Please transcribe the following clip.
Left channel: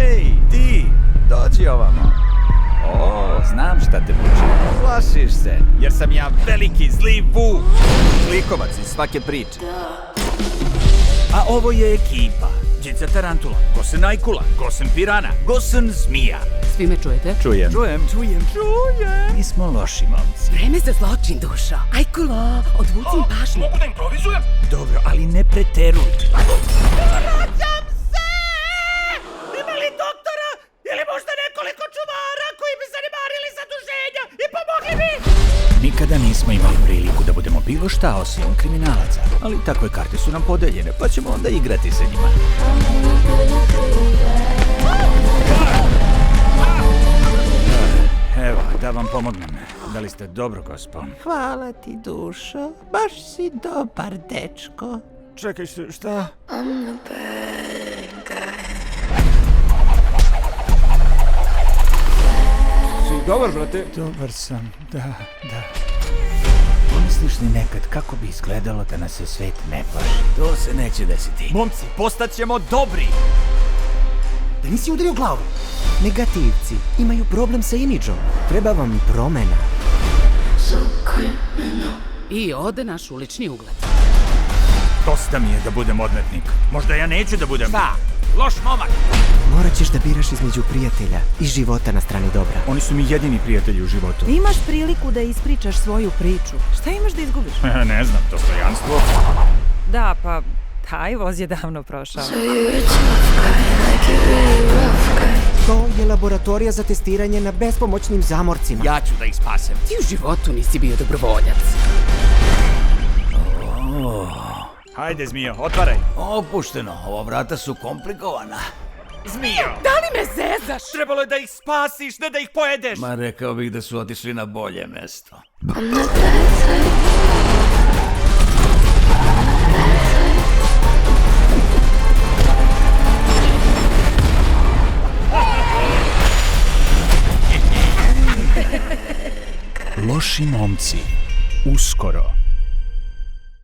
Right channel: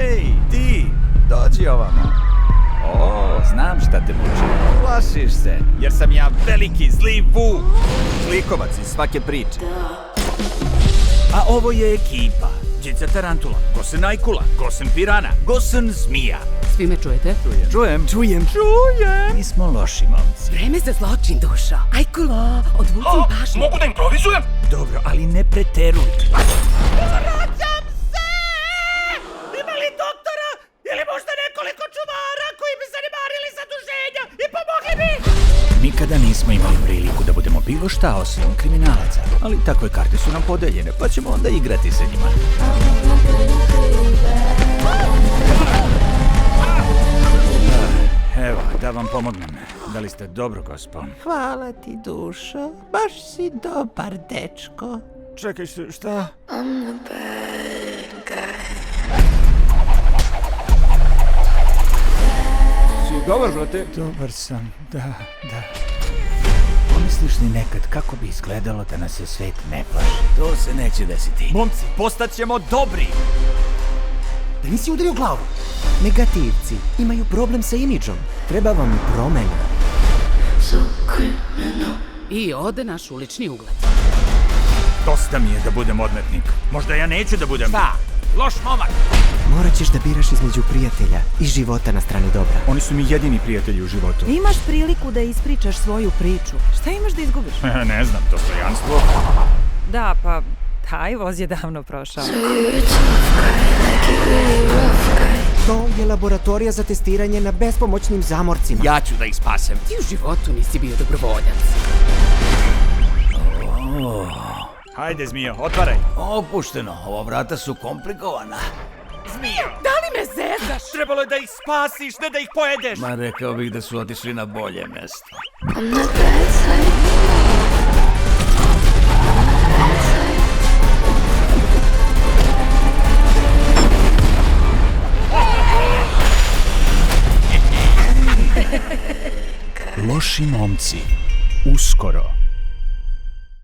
Ej, ti, dođi ovamo. O, znam šta te muči. Plašiš se, jer sam ja veliki zli Vuk. Zlikovac iz svake priče. A ovo je ekipa. Đica Tarantula, Gosen Ajkula, Gosen Pirana, Gosen Zmija. Svi me čujete? Čujem. Mi smo loši momci. Vreme za zločin, dušo. Ajkulo, odvuci pažnju. Mogu da improvizujem? Dobro, ali ne preteruj. Vraćam se! Ima li doktora ili možda nekoliko čuvara koji bi zanemarili zaduženja i pomogli mi? Nikada nismo imali priliku da budemo bilo šta osim kriminalaca, ali takve karte su nam podeljene, pa ćemo onda igrati sa njima. Evo, da vam pomognem. Da li ste dobro, gospo? Hvala ti, dušo. Baš si dobar dečko. Čekaj, šta? Si dobar, brate? Dobar sam, da. Pomisliš li nekad kako bi izgledalo da nas se svet ne plaši? To se neće desiti. Momci, postaćemo dobri! Da nisi udario glavu. Negativci imaju problem sa imidžom. Treba vam promena. I ode naš ulični ugled. Dosta mi je da budem odmetnik. Možda ja neću da budem... Šta? Loš momak! Morat ćeš da biraš između prijatelja i života na strani dobra. Oni su mi jedini prijatelji u životu. Imaš priliku da ispričaš svoju priču. Šta imaš da izgubiš? Ne znam, dostojanstvo. Da, pa taj voz je davno prošao. To je laboratorija za testiranje na bespomoćnim zamorcima. Ja ću da ih spasem. Ti u životu nisi bio dobrovoljac. Hajde, Zmijo, otvaraj. Opušteno, ova vrata su komplikovana. Zmijo! Da li me zezaš? Trebalo je da ih spasiš, ne da ih pojedeš. Ma rekao bih da su otišli na bolje mesto. Loši momci. Uskoro.